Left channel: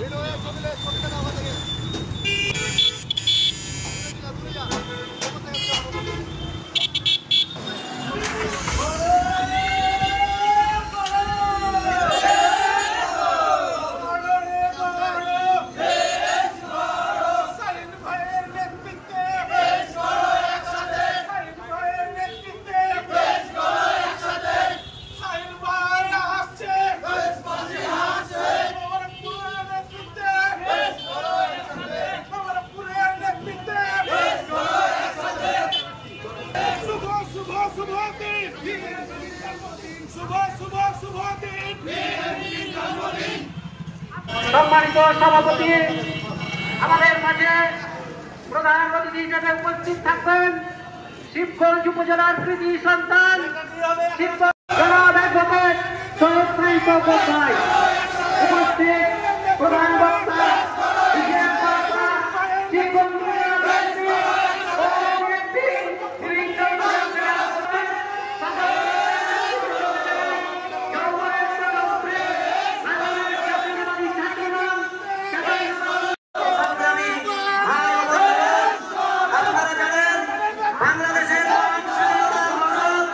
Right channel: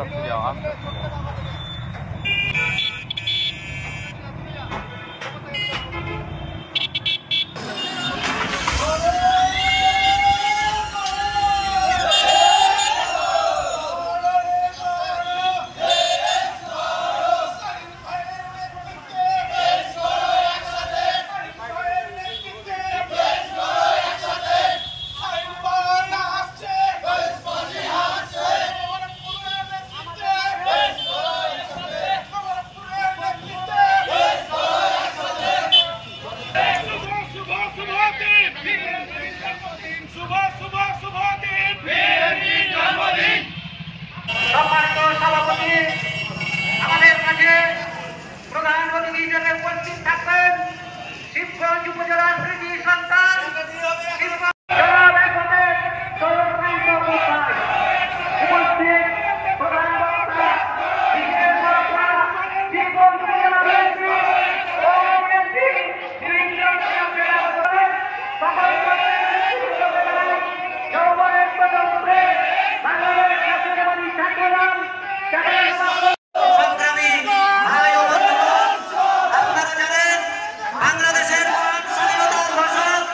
আস্তে যাও, আস্তে আস্তে যাও। সম্মানিত সভাপতি, আমাদের মাঝে প্রধান অতিথি হিসেবে উপস্থিত থাকবেন শিবগঞ্জ উপজেলার কৃতি সন্তান প্রধান বক্তা শিবগঞ্জ বাংলাদেশের স্বাধীনতা ঘোষক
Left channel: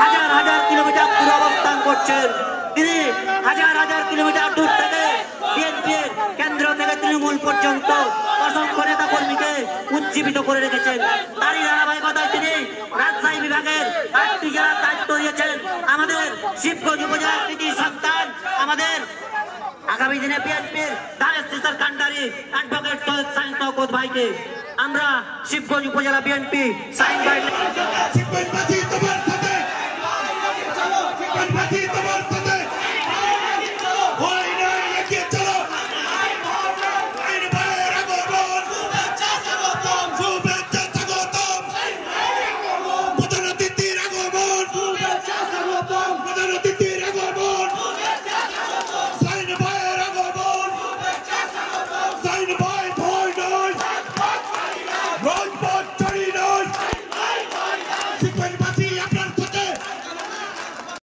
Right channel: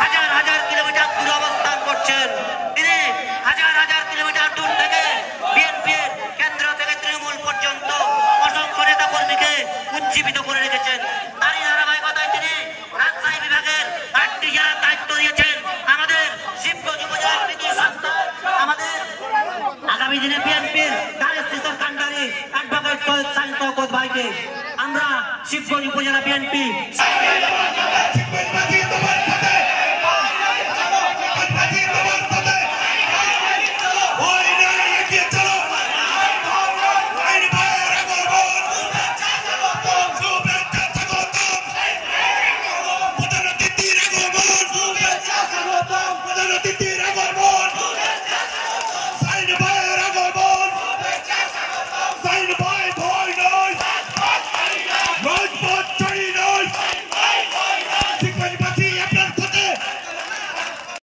হাজার হাজার কিলোমিটার দূরে অবস্থান করছেন। তিনি হাজার হাজার কিলোমিটার দূর থেকে বিএনপির কেন্দ্র থেকে তৃণমূল পর্যন্ত অসংখ্য নেতা কর্মীকে উজ্জীবিত করে রেখেছেন। তারই ধারাবাহিকতায় তিনি রাজশাহী বিভাগের 8টি জেলার দায়িত্ব দিয়েছেন। আমাদের শিবগঞ্জ উপজেলার কৃতি সন্তান, আমাদের আগামী দিনে বিএনপির ধারের কান্ডারি অ্যাডভোকেট সৈয়দ সাইদ শওকত ভাইকে আমরা শিবগঞ্জ উপজেলা বিএনপি প্রধান অতিথির